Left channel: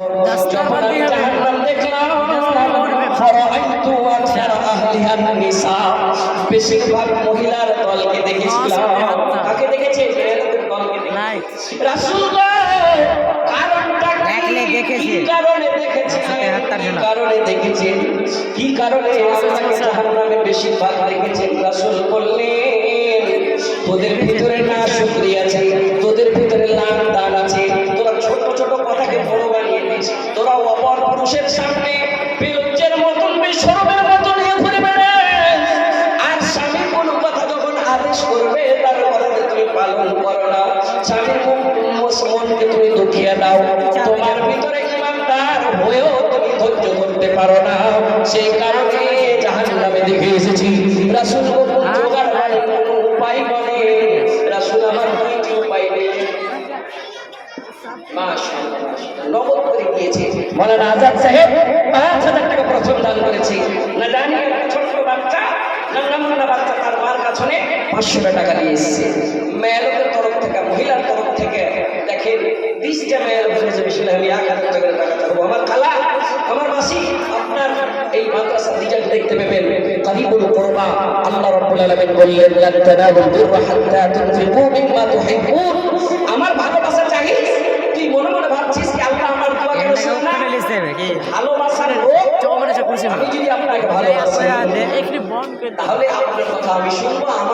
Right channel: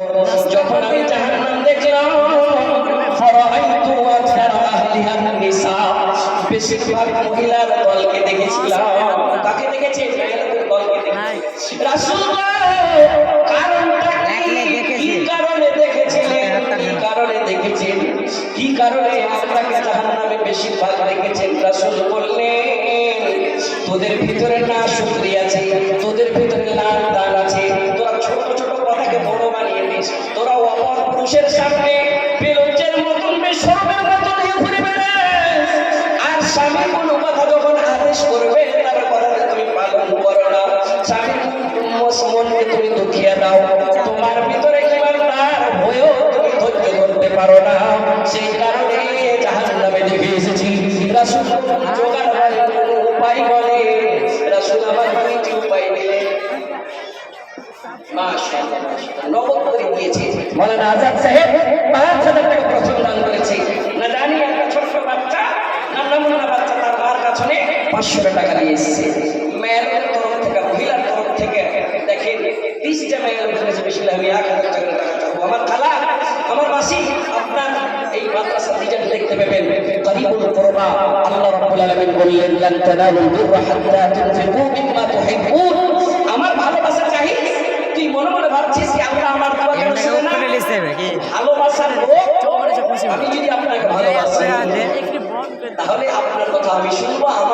যখন আমি জাহান্নাম দেখলাম ফারাআইতু আকসার আহলিহা নিসা, বেশিরভাগ মহিলার দলকে দেখেছিলাম। কাকে দেখেছে? মেয়েদের দলকে দেখেছি। রাসূলুল্লাহ কারণটা কি কারণে দেখেছেন? কারণে দেখেছেন কি কারণে আপনাকে জাহান্নামে বেশিরভাগ দেখেছেন? রাসূল বললেন, তোদের ভিতরে না শুকরিয়া আছে, তোদের ভিতরে লাল দান আছে, তোরা ছোট ছোট কথাকে বড় বানিয়ে দিস, তোরা অপর পুরুষের সামনে বেলুচের মতন বেশরমের মতন দিয়ে ঘুরে বেড়াস, আর স্বামী কোনো কথা যখন আদেশ করবে তার কথাকে তুমি পালন করো না, স্বামীর মনকে তুমি দুঃখিয়ে দাও, তোমার ভিতরে ইমানদার হয়েও তুমি ধৈর্য ধরতে পারো না, সেই কারণে জাহান্নামে দেখে এসেছি। রাসূল জোগাড় করে কোনো উপায় বলে, রাসূল আমার দুইটি উপায় নেই। মাশাআল্লাহ নগদ করে দিয়েছে মাওলানা আজাদ সাহেব, ৫,০০০ টাকা প্রথম দান করেছে। না জানি একটা ছোট্ট বাচ্চা নামনা বাচ্চা তার মার কাছে ৫০০ টাকা দিয়ে এসেছে। মেয়েদের তরফ থেকে, মহিলার তরফ থেকে দেখেন ২০টা মেয়ের বলেছে বেশি আমি ১,০০০ টাকা দেবো। আমার খালা, আমার মাসি, আপনার এই মাদ্রাসা রিজাল্ট দেখতে পাবেন করিবুল কুরবা। আল্লাহ রাব্বুল আলামিন বললেন, লান তানালুল বিররা হাত্তা তুনফিকু মিম্মা তুহিব্বুন। আমার ভালোবাসা চাই, তুই মনে মনে ভাবছিস কি আল্লাহ আমার ভালোবাসার লোক, আমি যদি আপনাকে ভালোবাসি তাহলে আপনার কথা আমি শুনবো।